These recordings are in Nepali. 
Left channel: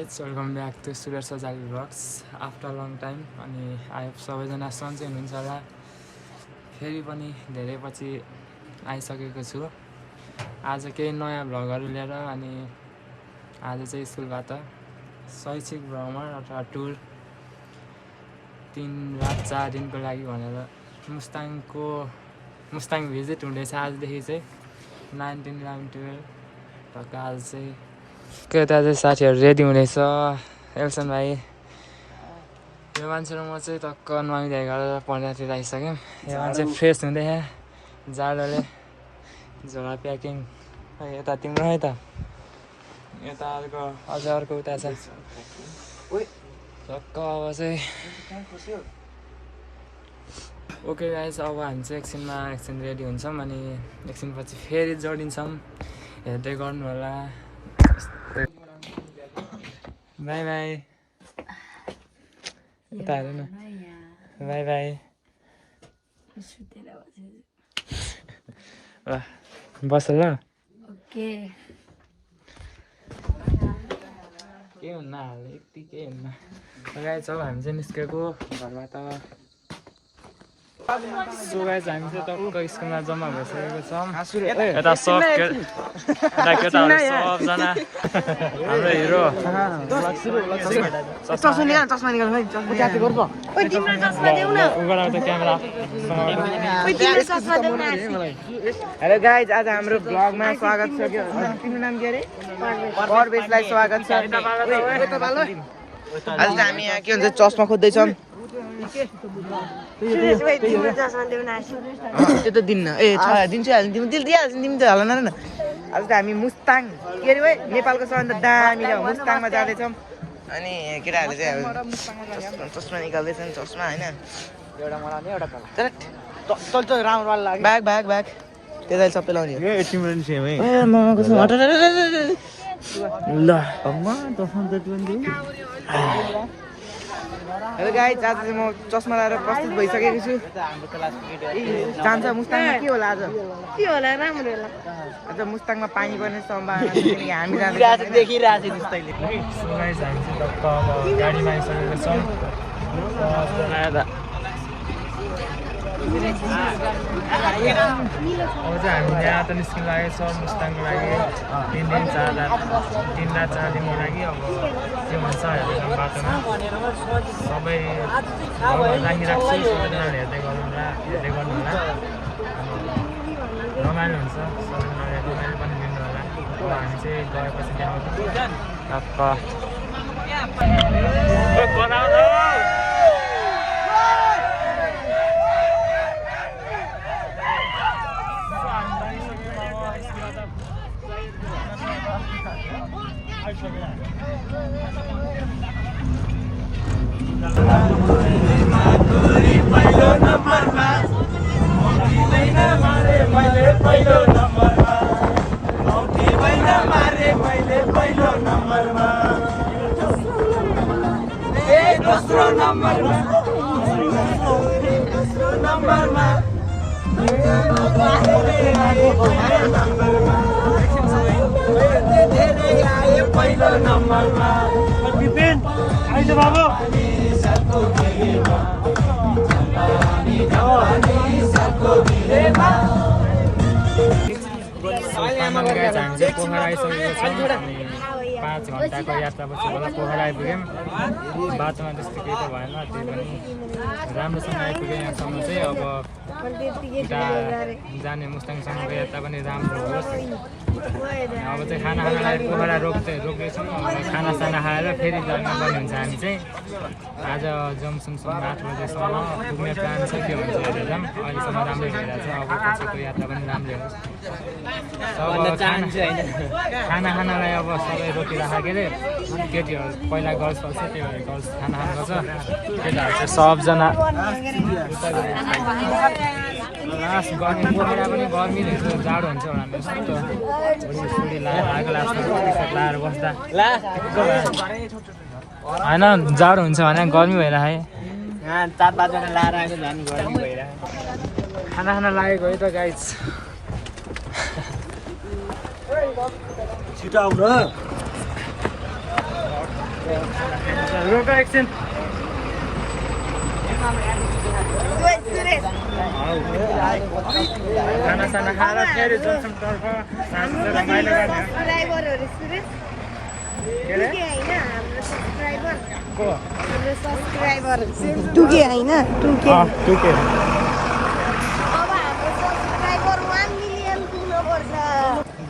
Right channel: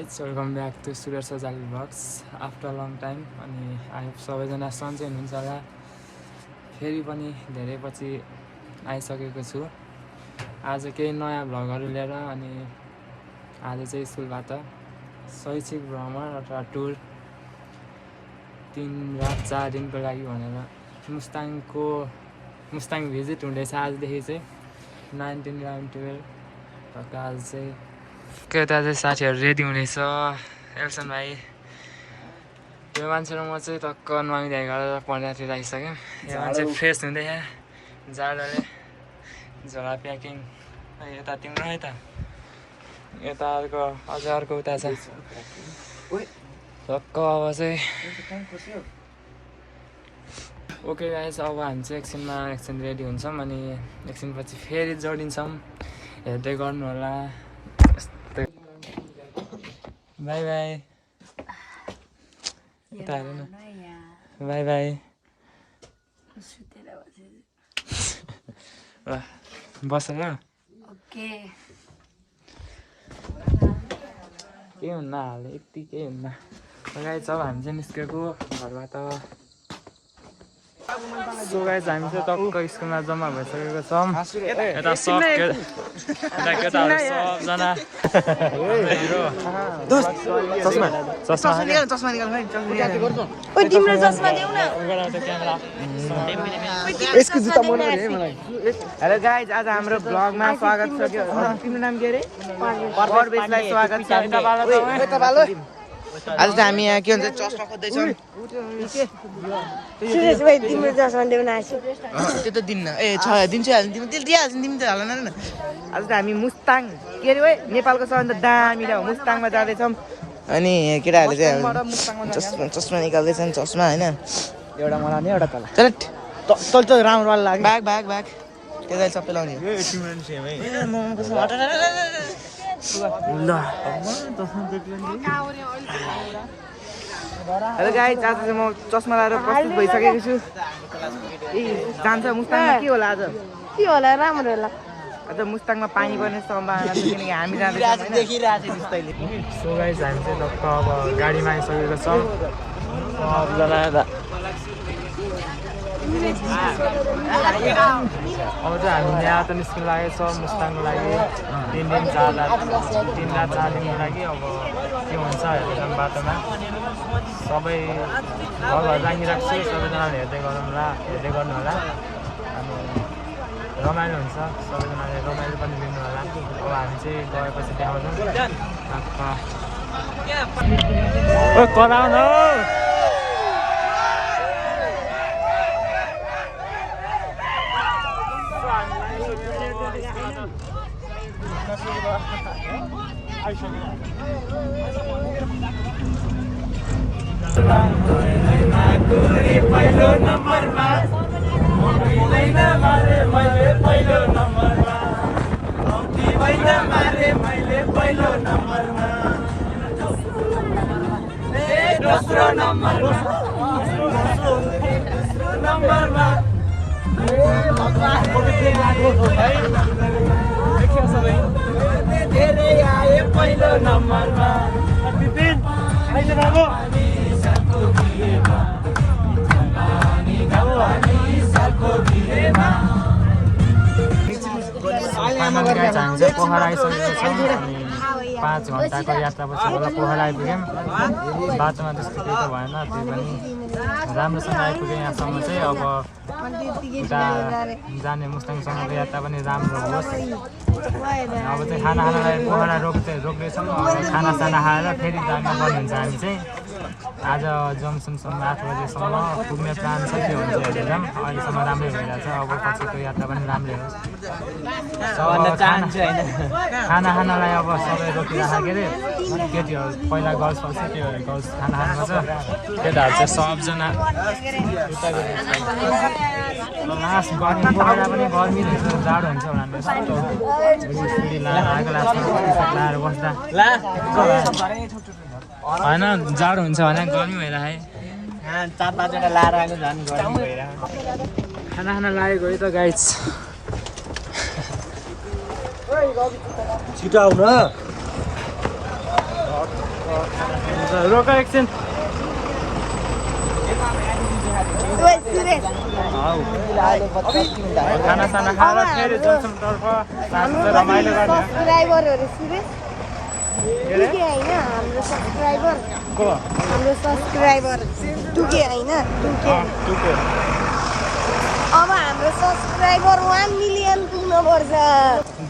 guys, welcome back to Surya Sajali Vlogs after a long time. अनि आई होप सबैजना सन्चै हुनुहुन्छ होला। फेरि पनि धेरै पछि आइसकेको छु। आज केही नयाँ भ्लगहरू लिएर अनि आज चाहिँ स्कुलबाट शैक्षिक भ्रमण अथवा टुर 3 रात 4 दिनको लागि भनेर मुस्ताङ भिजिट हुँदैछ आजदेखि चाहिँ 19, 11, 12 टक्क आज चाहिँ यता चाहिँ साथीहरू रेडी हुँदैछ। एल्सन भाइ यो मान्छे र म चाहिँ टक्क नुहाइधुवाइ गरेर पढ्दातिर आइसक्यौँ। यो मान्छे फ्रेस हुँदैछ जाडोले झोला प्याकिङ। यता तिम्रो है त यता अर्को उता छ टक्क। अब चाहिँ ओके गाइस, अब हामी चाहिँ एकछिन रेडी हुन्छौँ अनि एकछिनपछि फेरि जोडिन्छौँ। हेर्दै गर्नु होला। बाई बाई यता हेर न। बाई बाई बस ल। ओके केही हुन्न हाल यति केही हुन्न। गाइस अब हामी चाहिँ निस्केको घरबाट। सो गाइस हामी चाहिँ टक्क स्कुलमा जम्मा भइसकेको छौँ। यता केटाहरू सबजना हाम्रो हिरो हेलो गाइज, आज हाम्रो ब्लगमा स्वागत छ। तिम्रो नाम के अरे? परवेशलाई स्वागत छ। आज त हामी यहाँ के भन्छ चस्मा खोज्दैछौँ। त्यो त दिन्न। ए छ दिन्छु हाल्नु तिमी त्यसले दिइहाल्छ तिमी त हाल न। आज त हामी मुस्ताङ के अरे भाइ नेपालको सबभन्दा दामी ठाउँ मुस्ताङमा जाँदैछौँ। अनि केटाहरूले चाहिँ चस्मा निकाल्दैछन्। चस्मा होइन बाघ त्यता सबै लाउने हो। ल हेलो गाइज, आज चाहिँ म चस्मा लगाएर प्रस्तुत भइसकेको छु। जान्छ मुस्ताङमा के होला आज? के होला? राम्रो होला। आज मुस्ताङमा पानी पर्ने सम्भावना छ किनकि हामी जाँदैछौँ। सो गाइस हामी चाहिँ टक्क अब गाडीमा आइसकेको छौँ सबजना। अब चाहिँ हामी यहाँ त निस्किनु लागेको छौँ मुस्ताङको लागि 3 रात 4 दिनको लागि। अब के हुन्छ हेर्दै बाटोमा सबै घर राखिराख्छु। सबैजनाले हेर्दै गर्नु होला अनि रमाइलो हुन्छ। सबैजनाले रमाइलो पनि लिनु होला। अब हामी चाहिँ गएपछि देखाउँछौँ टक्क। फाइनली गाइस हामी चाहिँ पोखरा आइसकेको छौँ। अनि 5 घन्टाको यात्रापछि बल्ल पोखरा आइपुग्यौँ। बाटोमा त्यस्तो केही त भएन, त्यही पनि राम्रोसँग आइपुग्यो यहाँसम्म चाहिँ। अब जाने मुस्ताङसम्मको यात्रा पनि राम्रो होस्। अब चाहिँ खानालाई पोखरा रोक्दैछौँ। खानासाना खाएर फेरि जानुपर्ने हुन्छ। हामी चाहिँ आज जङ्सनसम्म 8 बजेसम्म पुग्ने प्लान छ। के हुन्छ हेरेर जाऊँ। अहिलेसम्म राम्रै भइरहेछ। अब पछिको यात्रा पनि राम्रै होस्। खानालाई अब सबै रोकिराख के अरे केटीहरू पहिला गर्ल्स पर्छ। त्यो भएर गर्ल्स खाना खानुपर्छ। केटाहरू चाहिँ सबजना लास्ट गर्मी पोखरा पनि गर्मी रहेछ, जाडो हुन्छ होला। यस्तो सुडी लगाएर आगो लाग्छ, टी-सर्ट लगाएर बस्दा होइन जाडो हुन्छ भने गर्मी भइरहे। 4-5 वटा लाएर आएको झन् गर्मी भएर। खाना लागेको है त गाइज। छिटो आउनु। खाना खाइन्छ रोक एकछिन खानासाना खाएर फेरि जमसमतर्फ साँझ रमाइलो गर्ने सब्सक्राइबरहरु सुरेश के अरे हाम्रो सब्सक्राइबर को हाम्रो सब्सक्राइबर टुके हैन टुके अब हाम्रो सब्सक्राइबर 1 मिलियन पुग्नुपर्छ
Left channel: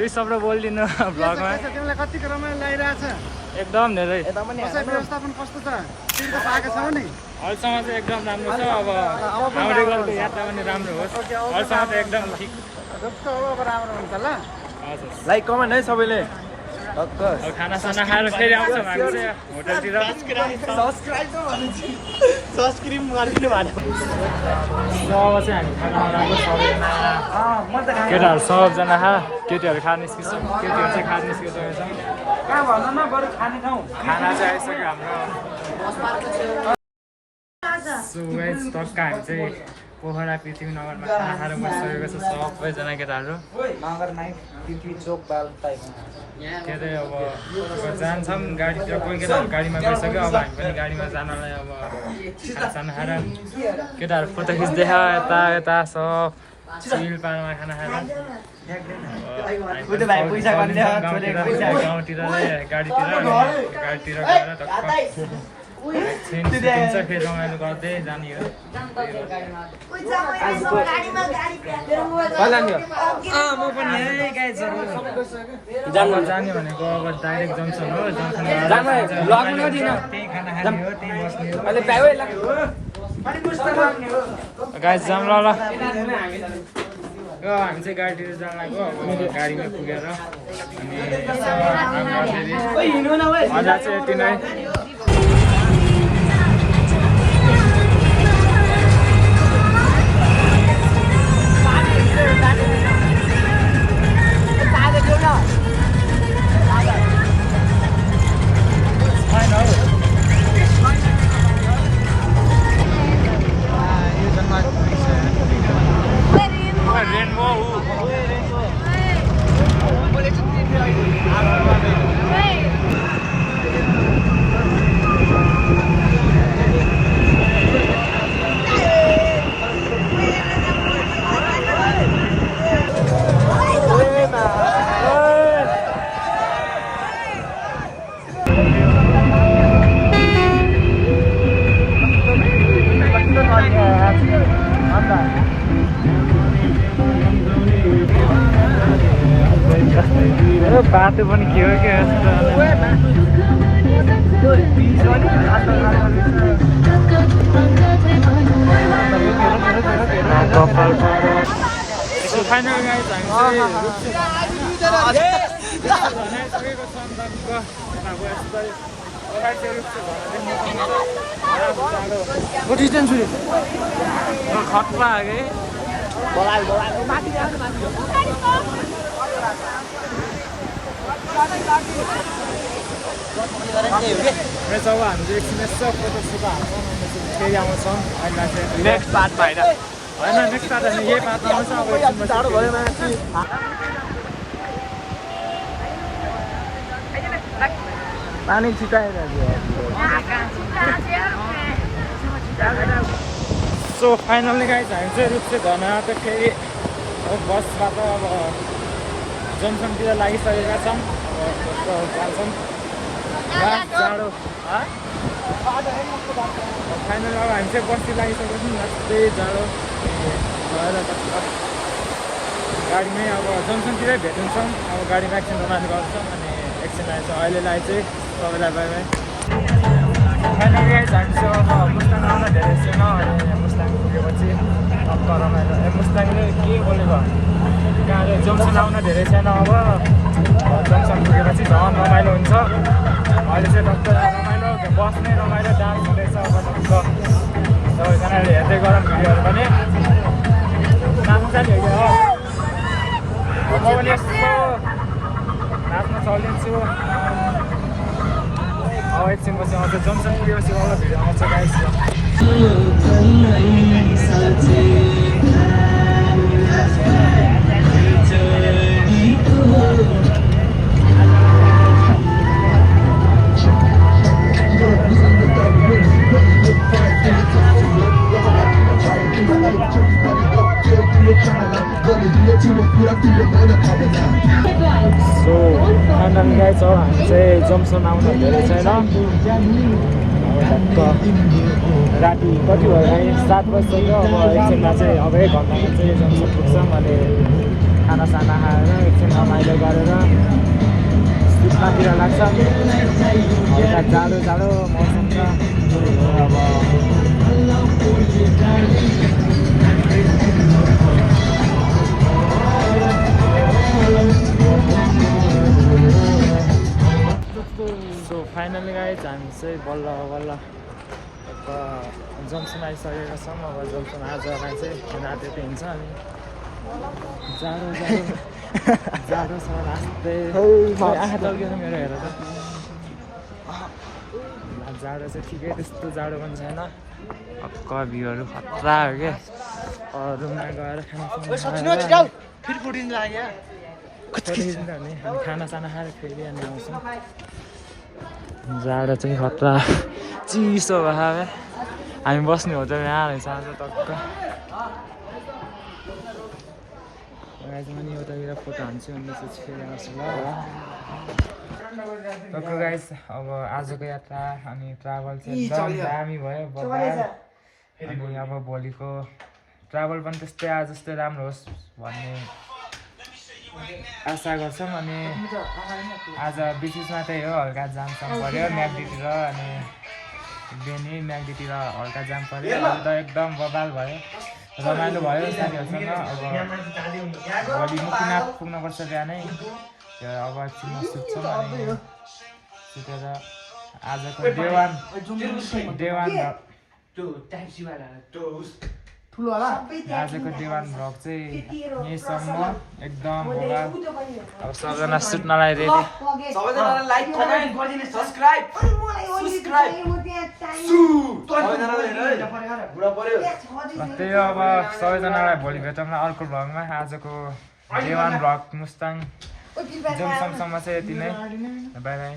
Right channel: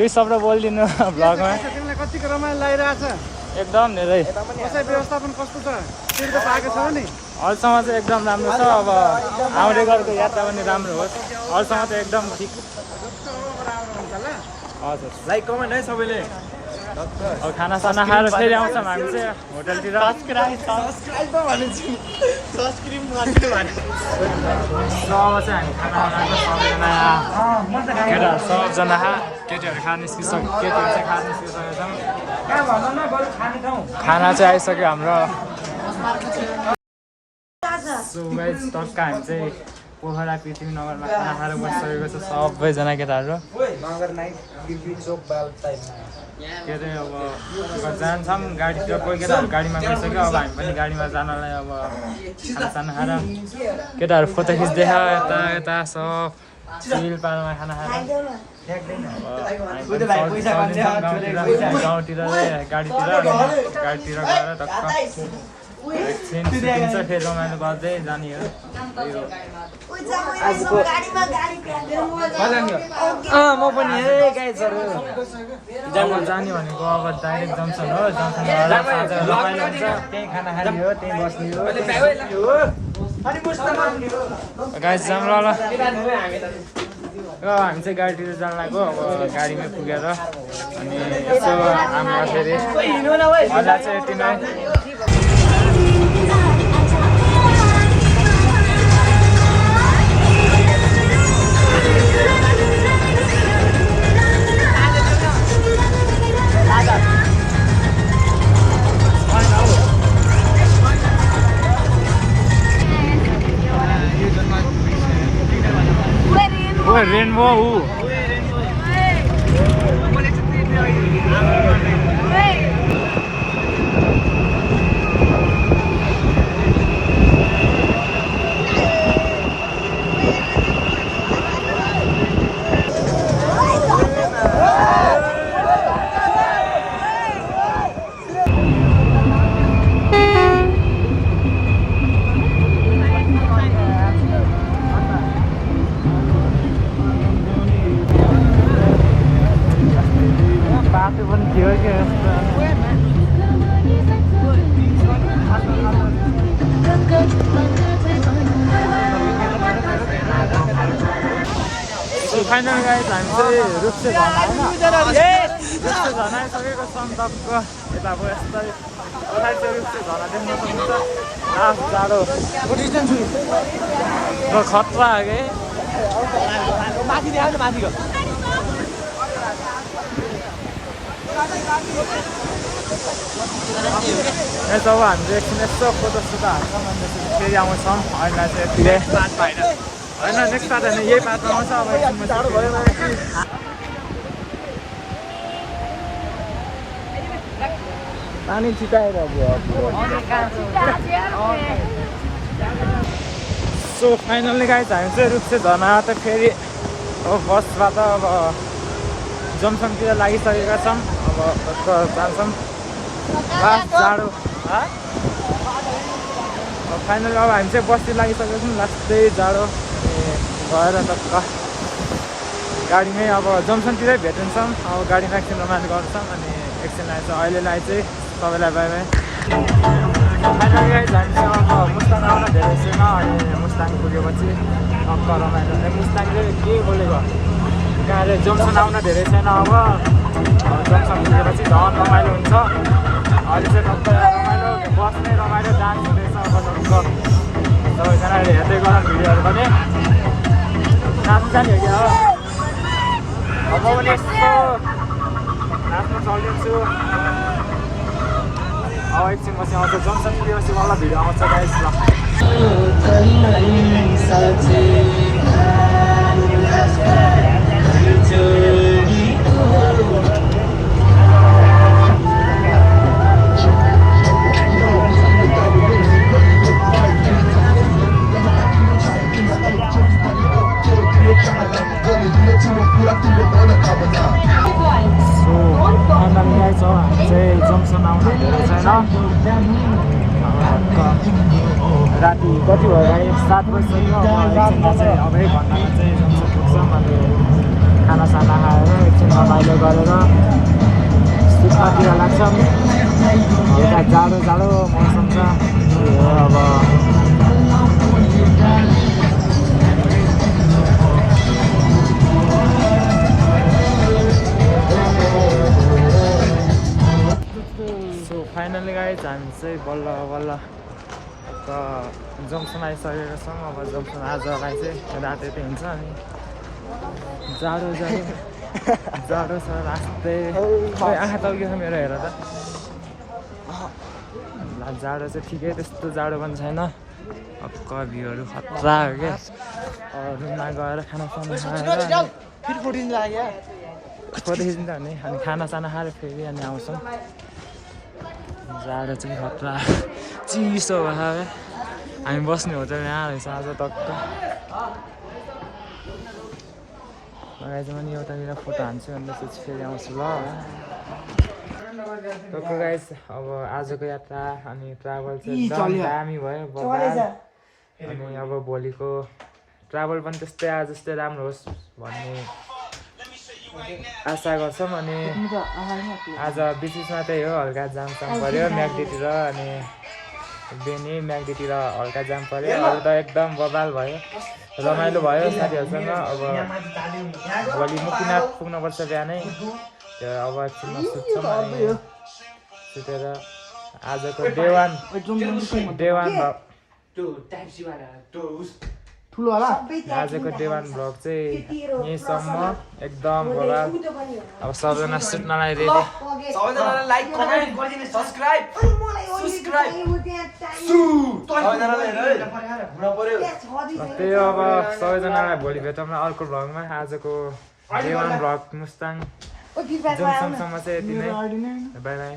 2 शब्द बोलिदिनु भ्लगमा तिमीलाई कतिको रमाइलो लागिरहेछ एकदम धेरै बसाइ व्यवस्थापन कस्तो छ तिमीले पाएको छौ नि अहिलेसम्म चाहिँ एकदम राम्रो छ अब आउँदै गरेको यात्रा पनि राम्रो होस् अहिलेसम्म त एकदम ठिक जस्तो हो अब राम्रो हुन्छ ल हजुर लाइक कमेन्ट है सबैले अब खानासाना खाएर फेरि आउँछौँ हामी चाहिँ होटलतिर सो चाहिँ हामी खाना बनाएको सबैजना केटाहरू सबजना केटीहरू खान निस्किसक्यो केटीहरू चाहिँ खान निस्किसकेको छौँ खाना चाहिँ आइसक्यो हाम्रो सो गाइस टक्क हामी चाहिँ पोखरा पृथ्वीनगरमा खाना खाएर बसिसकेको छ सबैजना केटाहरू के अरे अब जान्छौँ गाडीतिर कोही केटाहरू गाडीमा गइसक्यो अब हामी पनि गाडीमा जानलाई अब खानासाना खाएर केटाहरू फोटो खिच्दैछ यता यता सब चिलपालमा खाना खाएर अब हामी पनि चलिदिन्छौँ गाउँतिर चाहिँ गाडीतिर अनि गाडीतिर गएर टक्क एकछिन सुतिन्छ फेरि रमाइलो गर्दै जाने हो त्यही हो म पनि गाइजहरु अब जाने भनेको अब डाइरेक्ट जङ्सन हो जङ्सन गएर रमाइलो हुन्छ त्यही खाना खाने हो त्यही बस्ने हो गाइस जाम ल हामी चाहिँ गाडीतिर जान लाग्यो अब गाडीमै पुगेर अनि यसो हाम्रो फेरि मजा चाहिँ यति नै रेनबो बाटो पनि के हो के फाइनल गाइस हामी चाहिँ रुप्से झर्ना आइसकेको छौँ टक्क यता अब यस्तै पछाडि चाहिँ रुप्से झर्ना देख्न सक्नुहुन्छ लास्ट जाडो खतरा हो कि अब हामी चाहिँ एकछिन यसो फोटो हाल्छौँ अन्त चाहिँ फेरि आउँछौँ अहिले चाहिँ होइन नेक्स्ट पार्ट होइन यही पार्टमा आउँछ अब एकछिन पछि फेरि पानी छिटाइरहेको सो फाइनल्ली गाइस हामी चाहिँ रुप्से झर्ना त फेरि अब बसबाट अब जमसमतिर लागिसकेका छौँ अब टक्क जान्छौँ लास्ट जाडो अब फाइनल अब हामी चाहिँ बसतिर लागिसकेको छौँ लास्टै जाडो गएर टक्क गाडीमै अब जमसनतिरै भेटिन्छौँ अब गाडीमा एकछिन रमाइलो गर्छौँ अनि एकछिनलाई चाहिँ अहिलेलाई चाहिँ सबैलाई बाई बाई फाइनली हामी चाहिँ अब मुस्ताङ आउन धेरै छैन अनि मुस्ताङ पुगेपछि टक्क रमाइलो मुस्ताङले के बोलेको त्यहाँ अरे जमसन आउन धेरै छैन अब जमसन पुगेपछि झन् रमाइलो हुन्छ अहिले चाहिँ टक्क रमाइलो बस्ने रमाइलो डान्स हुँदैछ अब टक्क सबैजनाले हेर्दै गरौँ भिडियोहरू पनि नाच्छ नि हो अब पनि यस्तो नाच्न चलिदिन्छु अब एकछिनपछि आउँछ जमसन पुगेपछि वाला भिडियो आउँछ गाइस ल जम्सन आउन धेरै छैन। अब भक्क राति कति भयो भाइ 7 बजिसक्यो। अब एकछिनमा चाहिँ अब 1 घन्टामा चाहिँ जम्सन पुग्छौँ। अनि खानासाना खाएर एकछिन रमाइलो गरेर सुत्नतिर लाग्छौँ। यता जाडो जाडो मौसम छ। त्यही हो अब सो फाइनली गाइज हामी चाहिँ बल्ल बल्ल जम्सन आइसकेका छौँ। अब जम्सन आजलाई चाहिँ रात यतै हुन्छ। अनि जाडो जाडो जाडो छ रास्तै। ओइ आँखा तल्केछ मेरो हेर त। जाडो चाहिँ ठिकै त्यस्तो जाडो पनि छैन। अक्क भ्यूहरू खतरा हो क्या। रुममा गएर खानासाना खाएर अनि फेरि फोटिन लाग्यो खोलिदिन्छ भने अनि खानासाना खाएर फेरि अनि आउँछौँ। जाडो चाहिँ खतरा चिसो भयो। हामी बस्ने होटल यहाँ रहेछ आज टक्क। मलाई चाहिँ अनि एउटातिर फोटो हान्छु अनि त्यसपछि फेरि आउँछु ल। टक्क गाइस अब आजको यात्रा अनि ट्राभल चाहिँ एकदम दामी भयो बबाल। अनि अब भोलिको ट्राभल पनि त्यस्तै आज जस्तै राम्रो होस् भन्ने आशा गर्छौँ। अनि आज बिचमा त्यही हो हल्का जामसाम पऱ्यो म्याग्दीतिर। अनि बेनी म्याग्दीतिर हल्का जाम पऱ्यो। अरू त एकदम बबाल भयो रमाइलो भयो साथीहरूसँग। अब भोलि मुक्तिनाथ पुग्नुपर्छ बिहानै। त्यो अब एकछिनमा सुत्छौँ। अनि सुतेर आजको डे 1 आजको डे 1 भ्लग चाहिँ यहीँसम्म एकदम बबाल। अब सबजना सुत्नलाई रेडी। सबैजनाले लाइक कमेन्ट सब्स्क्राइब त्यही हो अब सबैजनालाई भोलि भेटौँ अर्को भ्लगमा। आजको डे 1 भ्लग मुस्ताङ जम्सनसम्म चाहिँ यति नै। By by.